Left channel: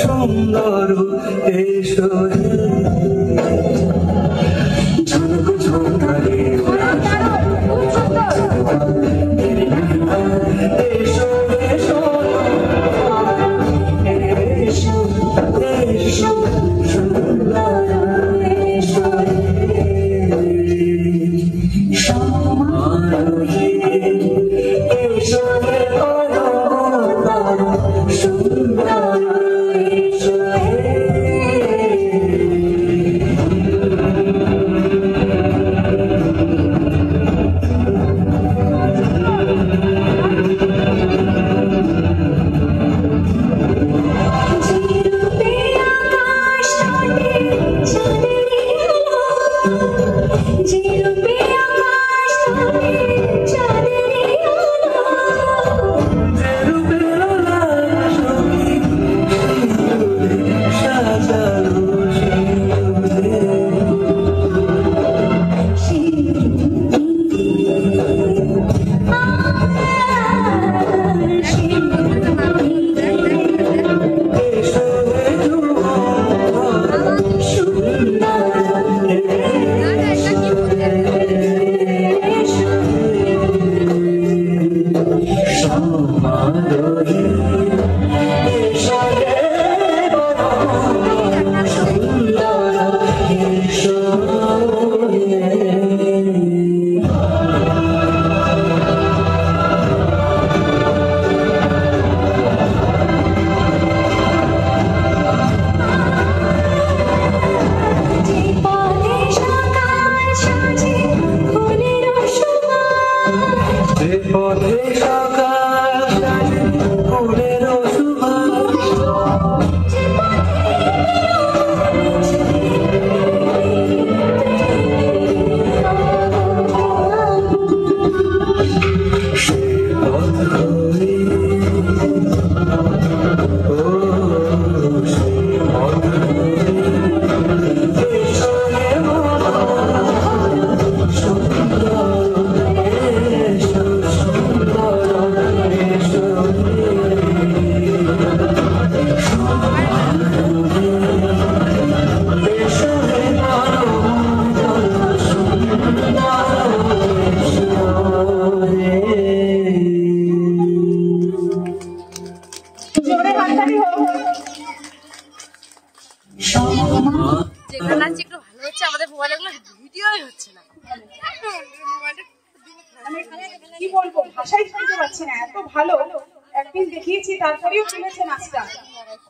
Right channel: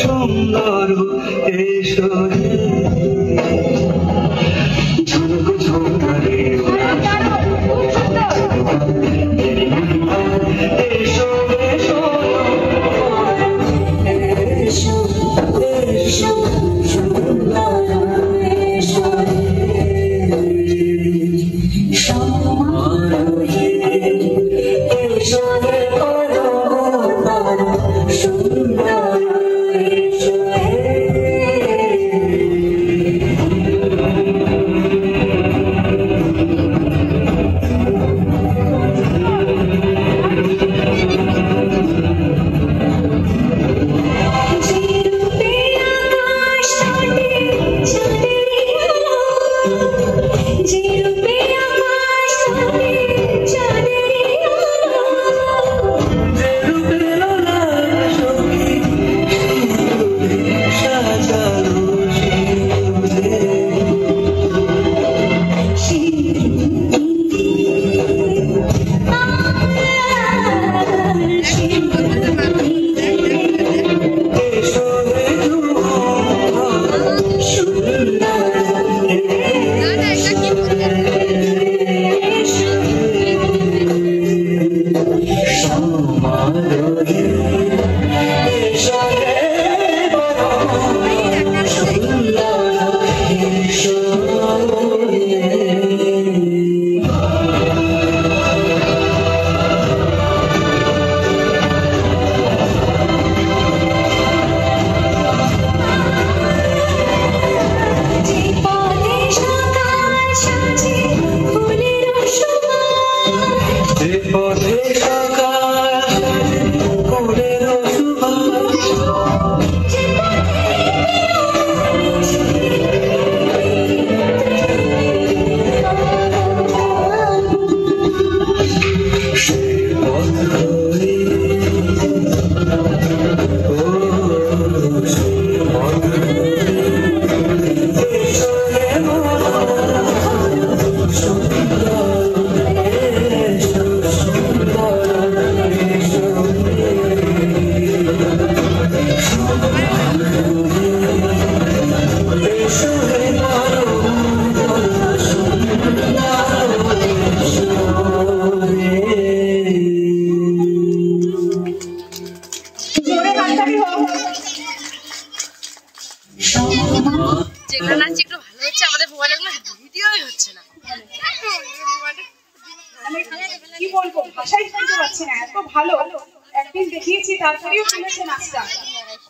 সুন্দর এসো ঝনক ঝনকারে এসো এসো এসো এসো সুন্দর এসো সমারোহে এসো সুন্দর এসো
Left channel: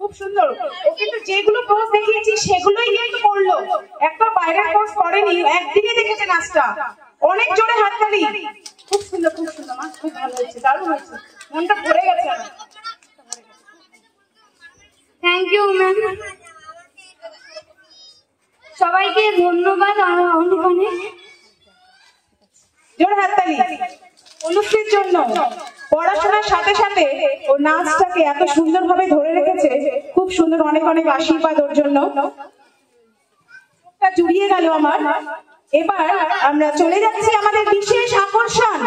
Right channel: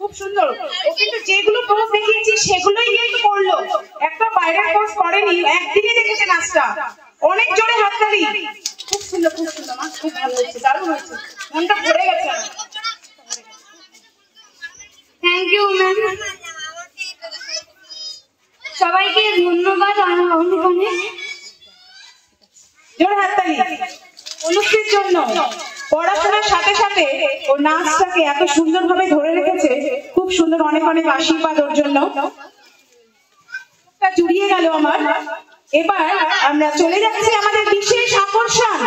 খুব সুন্দর ও কিন্তু যেগুলো পোজ দেখিয়েছি সেগুলোই কিন্তু করলো একটা বাইরের পোজ করেনি একদিনই দেখেছে নাচটা অনেক জোরে হাততালি খুব সুন্দর মা খুব ভালো হয়েছে দারুণ হয়েছে মনটা ভরে গেছে থ্যাংক ইউ ম্যাম সবাইকে ধন্যবাদ অনেক অনেক জোরে হাততালি অনুষ্ঠির জন্য পড়াশোনার সাথে সাথে ও নাচটাকে এত সুন্দরভাবে ধরে রেখেছে খুব সুন্দর অনেক অনেক আশীর্বাদ ওর জন্য জুড়িয়ে গেল আমার এবার আমরা চলে যাচ্ছি আমাদের বিশেষ আকর্ষণ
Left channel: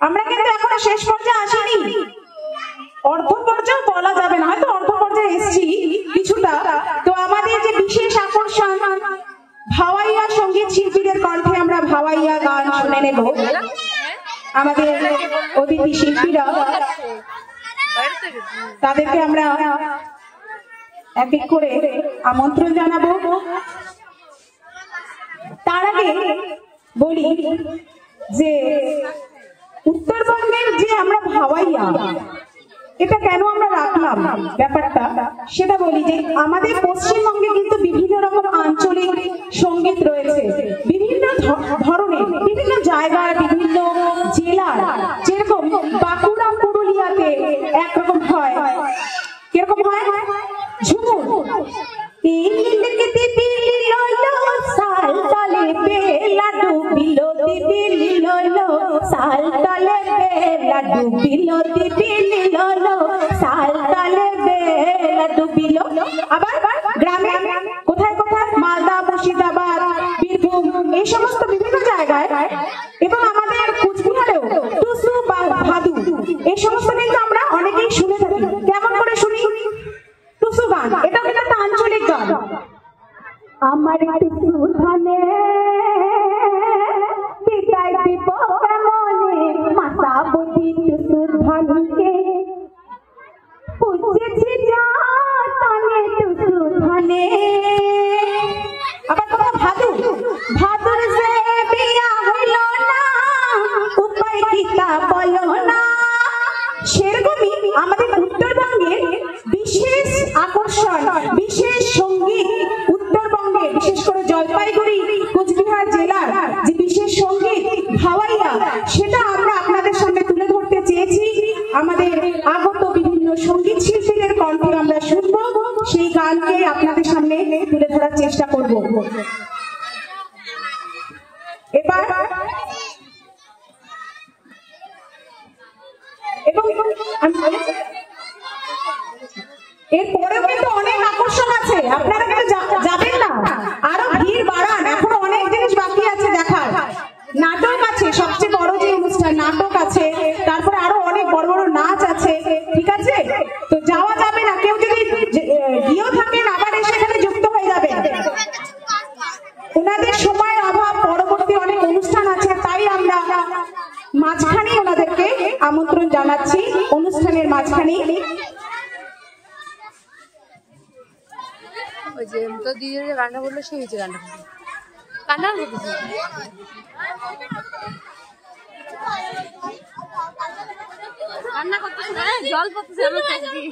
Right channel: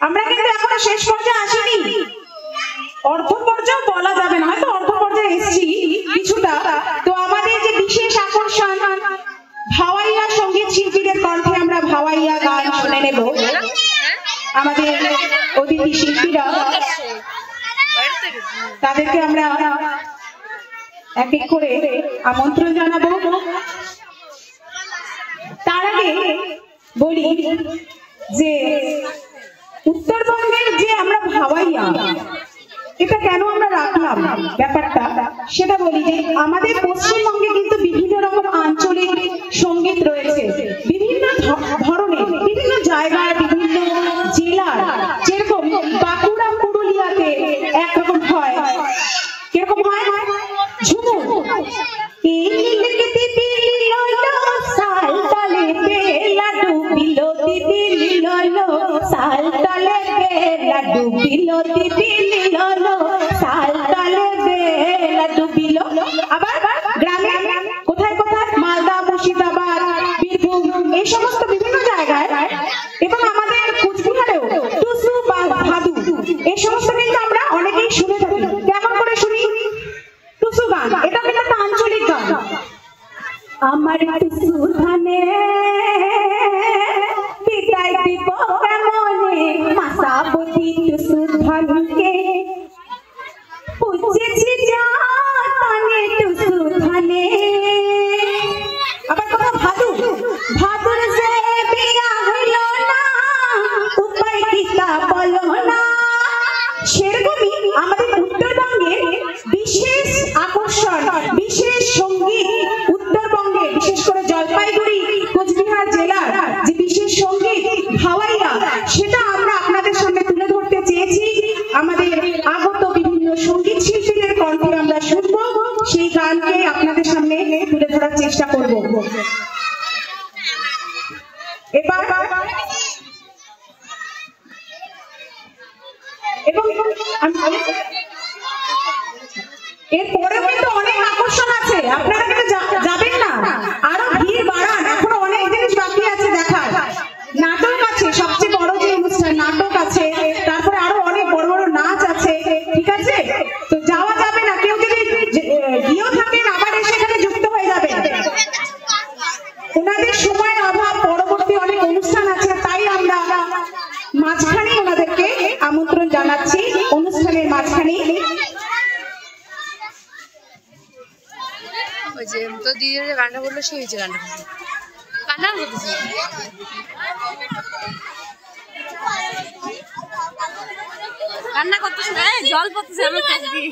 আমরা কিন্তু এখনো শেষ পর্যায়ে আসিনি অর্ধ পর্যায়ে বলা যাবে না হয়তো অর্ধ পর্যায়ে এসেছি কিছুটা তো আমাদের যে বিশেষ আকর্ষণ ভাওয়াইয়া সঙ্গীত শিল্পীদের কণ্ঠে আমরা ভাওয়াইয়া গান শুনে নেব আমাদের অতিথি শিল্পীরা তাদেরকে আমরা এক এক করে আমন্ত্রণ জানাবো তার আগে বলি যে উত্তরবঙ্গের যে আমরা ভাওয়াইয়া এটা কেন আমরা রাখলাম ব্যাপারটা সেটা বলি যে আমাদের পশ্চিমবঙ্গে কিন্তু বিভিন্ন রকম আঞ্চলিক সঙ্গীত রয়েছে বিভিন্ন ধরনের বিভিন্ন জায়গায় বিভিন্ন জেলার যেরকম বাঁকুড়া পুরুলিয়াতে একরকম হয় কিরকম হয় ঝুমুর আবার গ্রামে কোথায় কোথায় মালদা মুর্শিদাবাদ বীরভূম এই সমস্ত বিভিন্ন জায়গায় এবং আমাদের কুচবিহারেও টুসু বা ভাদু এই সমস্ত কিন্তু আমরা অনেকেই শুনে থাকি কেমন করে শুনি গান, এটা কিন্তু একটা আঞ্চলিক গান। আমার টুসু ধানে বিদায় দিব কেমনে, মাসাবতী টুসু ধানকে বুঝেছি যা তানে টুসু ধানে। আবার কথা ভাদুর, ভাদুর যে বিয়া হইল না উপায় কিতা বলো না। সেরকমই আমাদের উত্তরবঙ্গের বিশেষ আকর্ষণ, বিশেষ সঙ্গীত, উত্তরবঙ্গে বিশেষ করে জলপাইগুড়ি কোচবিহার জেলার যে বিশেষ সঙ্গীত ভাওয়াইয়া, সেটা আমরা আপনাদের সামনে তুলে ধরতে চেয়েছি। আমাদের আগত বিভিন্ন সঙ্গীত শিল্পীদের কণ্ঠে আমরা শুনব, সেই গানকে আপনাদের সামনে তুলে ধরার চেষ্টা করব। এবার এবং এরপরেও কিন্তু অনেক আকর্ষণ আছে, আপনারা কিন্তু যাবেন না, আরো ভিড় বাড়ান, এখনো অনেক জিনিস বাকি আছে দেখার। নাটক আছে, সবচেয়ে বড় যে অনুষ্ঠান নাটক আছে, তারপরে আরো অনেক বড় বড় নাচ আছে, ঠিক আছে? তো যাওয়া যাবে না, কেউ যদি গিয়েও থাকেন আবার এসে এখানে যুক্ত হয়ে যাবেন। ওনাদের সময়ের অভাব, পরবর্তী অনেক অনুষ্ঠান আছে, তাই আমরা মাঝখানে ওনাদেরকে আমন্ত্রণ জানাচ্ছি, অনুষ্ঠানের মাঝখানে। ওই যে তো দিদির যে গানটা বললো সেই হয়েছে গানটা কান্না করতেছে, কান্না করতেছে না, জল পড়তেছে আমার চোখ দিয়ে।